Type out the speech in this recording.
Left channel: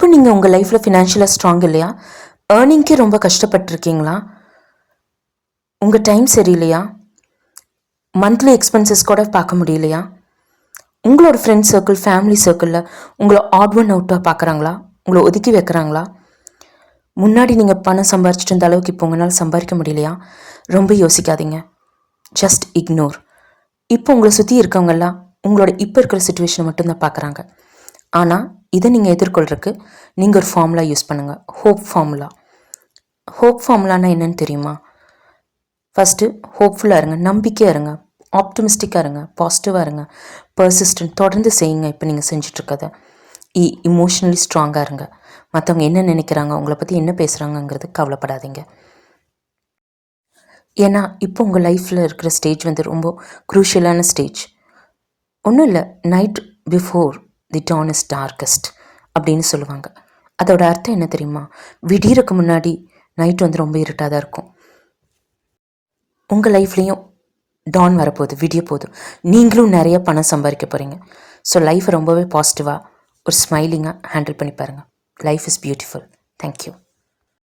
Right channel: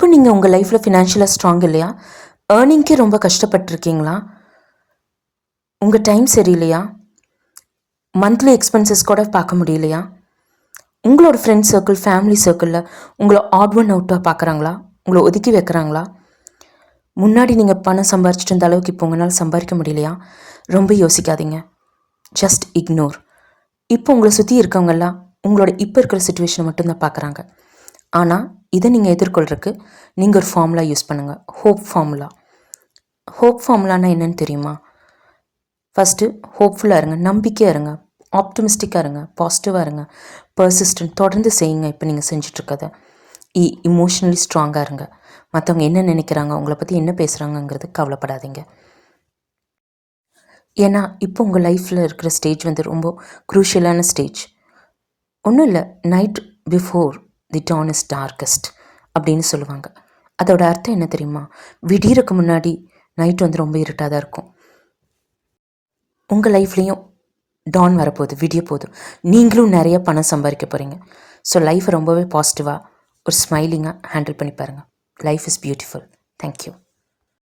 இப்போ நீங்கள் உங்கள் லைஃப்பில் ஃபினான்ஷியலாக ஸ்ட்ராங் இல்லையா? ஏர்னிங்க்கே ரொம்ப கஷ்டப்பட்டுருக்கீங்களா? உங்கள் டைம் சரியில்லையா? மந்த்லி எக்ஸ்பென்சஸ் கூட பார்க்க முடியலையா? உங்களோட ஃப்ரெண்ட்ஸ் சர்க்கிள், ஃபேமிலி சர்க்கிளில் உங்களை ஆட் ஒன் அவுட்டாக பார்க்குறாங்களா? உங்களை ஒதுக்கி வைக்கிறாங்களா? முன்னாடி நீங்கள் பணம் சம்பாரிச்சிட்டு இருந்த அளவுக்கு இப்போ உங்களால் சம்பாதிக்க முடியலையா? ரொம்ப யோசிக்காதீங்க. Just ignore. இப்போ உங்களை சுற்றி இருக்கவங்கெல்லாம் உங்களோட இப்போ இருக்கிற சுச்சுவேஷனை மட்டும்தான் பார்க்குறாங்க. ஆனால் இதை நீங்கள் எதிர்கொள்கிறதுக்கு நீங்கள் ஒரு ஃபார்முலா யூஸ் பண்ணுங்கள். Hope formula. ஹோப் ஃபார்முலானா என்னன்னு தெரியுமா? ஃபஸ்ட்டு ஹோப்ஃபுல்லாக இருங்க, நம்பிக்கையாக இருங்க, ஆப்டமிஸ்டிக்காக இருங்க, பாசிட்டிவாக இருங்க, பர்சிஸ்டன்ட், தொடர்ந்து செய்யுங்க. இப்போ நீங்கள் செஞ்சிட்ருக்கதை இமோஷ்னலி ஸ்ட்ராங்காக இருங்க. மற்றவங்க என்ன நினைக்கிறாங்க, உங்களை பற்றி என்ன பேசுகிறாங்கங்கிறது கவலைப்படாதீங்க. ஏன்னா இப்போ உங்கள் லைஃப்பில் இருக்கிற ஸ்டேஜ் ரொம்ப குரூஷியலான ஸ்டேஜ். ஒன்றும் இல்லை, night before the dawn is darkest அப்படின்னு சொல்லுவாங்க. அதோட அர்த்தம் என்ன தெரியுமா? விடியறதுக்கு முன்னாடி நைட் ரொம்ப இருட்டாக தான் இருக்கும். உங்கள் லைஃப்லேயும் டான் வரப்போகுது, விடிய போகுது. நீங்களும் நிறைய பணம் சம்பாதிக்க போகிறீங்க. ஸோ லைஃப்பை ரொம்பவே பாசிட்டிவாக ஒரு ஸ்மைலிங்காக ஹேண்டில் பண்ணி பாருங்கள். Life is beautiful. தேங்க்யூ.